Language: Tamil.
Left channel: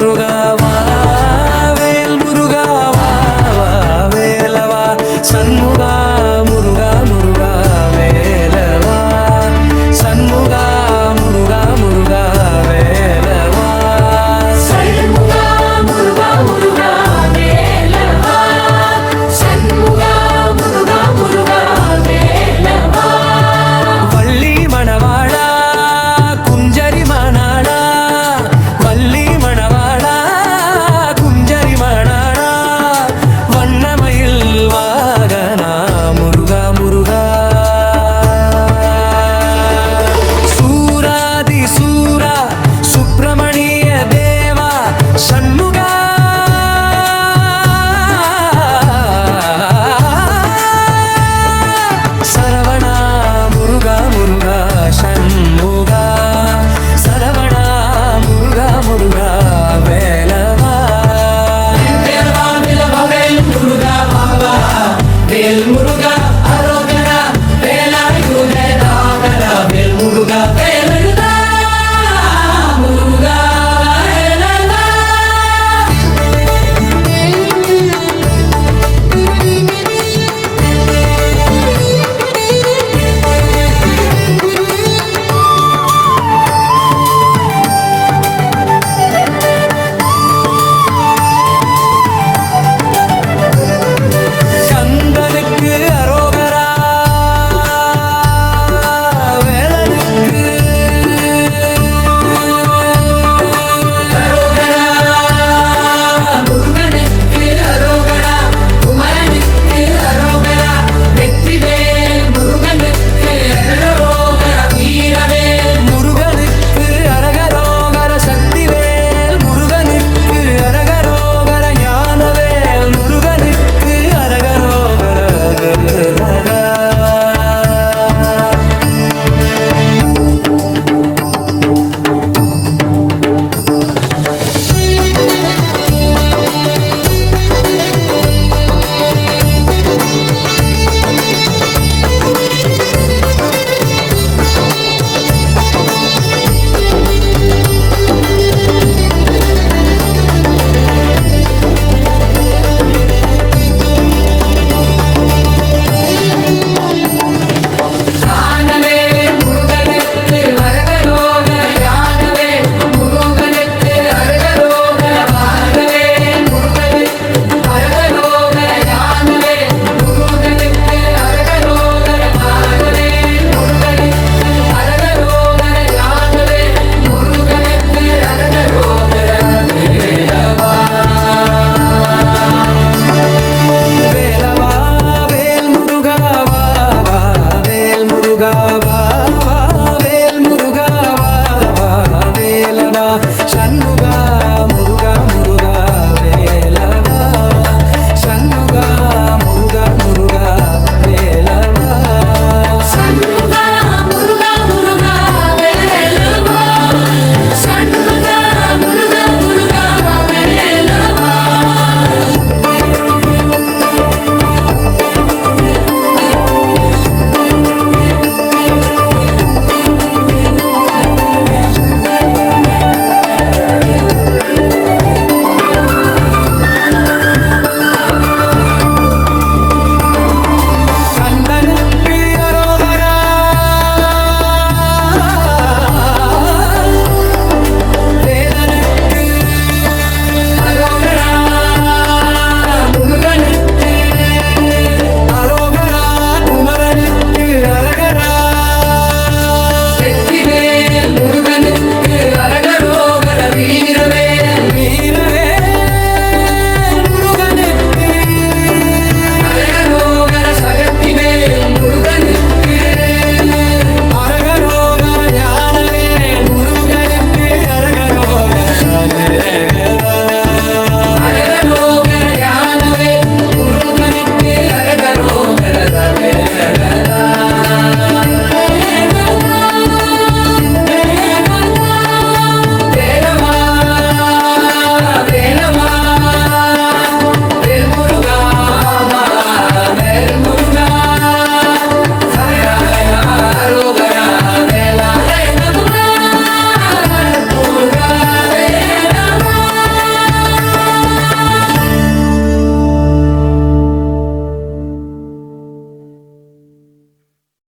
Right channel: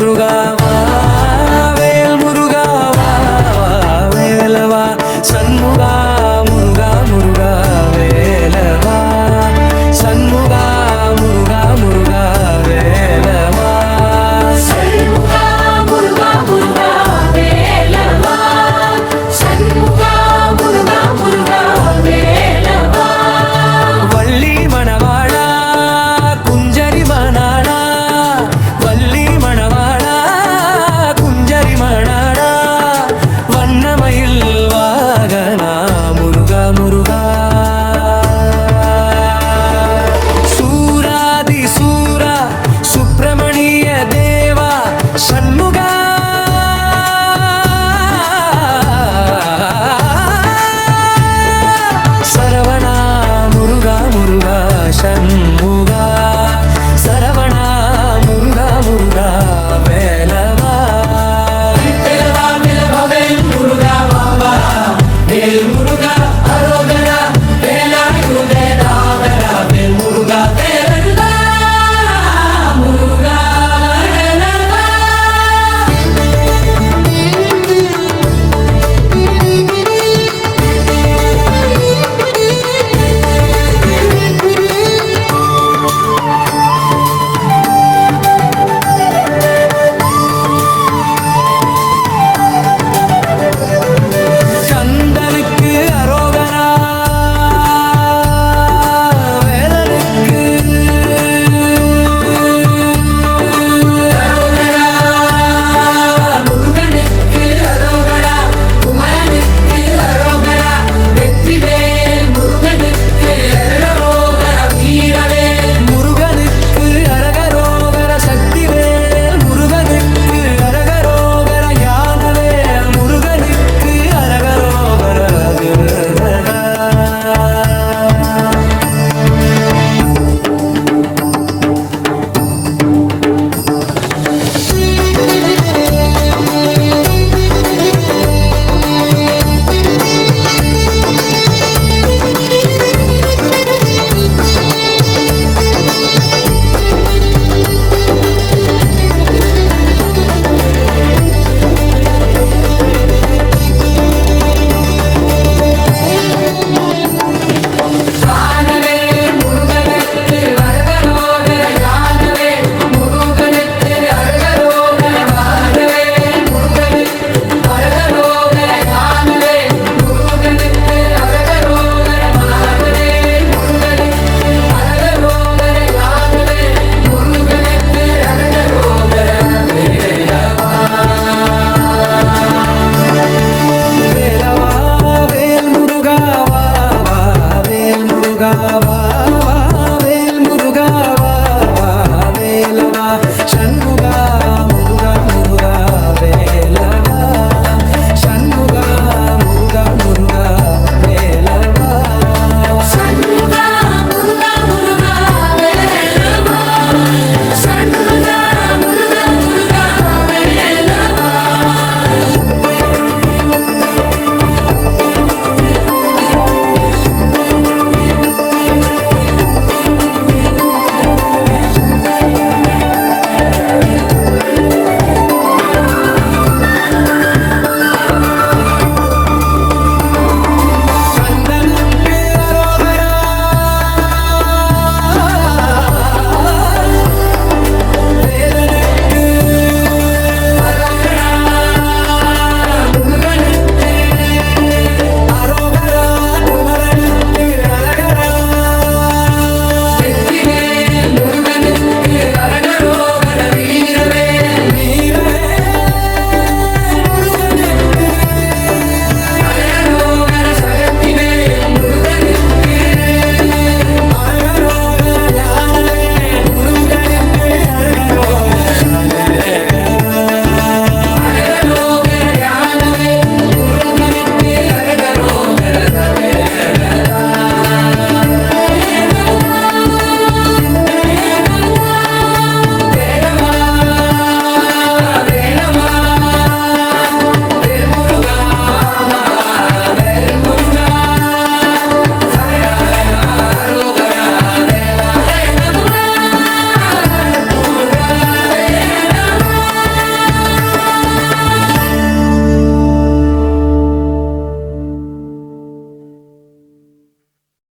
முருகாவா வேல் முருகாவா வேலவா சண்முகா முருகா முருகா வேலவா சண்முகா முருகா முருகா வேலவா சண்முகா முருகா முருகா வேலவா சண்முகா முருகா முருகா வேலவா வள்ளி மணவாளா குஞ்சரி மணாளா வள்ளி மணவாளா குஞ்சரி மணாளா வண்ணமயில் வாகனா முருகா முருகா சூராதி சூரா சுப்பிரமணிய தேவா சண்முகா சரவணா முருகா முருகா சண்முகா சரவணா முருகா முருகா வேலவா கந்தனுக்கு அரோகரா வேலனுக்கு முருகனுக்கு அரோகரா குமரனுக்கு அரோகரா வெற்றிவேல் முருகனுக்கு அரோகரா வீரவேல் முருகனுக்கு அரகரோகர சக்திவேல் முருகனுக்கு அரகரோகர ஞானவேல் முருகனுக்கு அரகரோகர கரகா. வேலவா வேல் முருகாவா வா வேல் முருகாவா வா வேல் முருகாவா வா வேலவா சண்முகா முருகா முருகா வேலவா சண்முகா முருகா முருகா வேலவா சண்முகா முருகா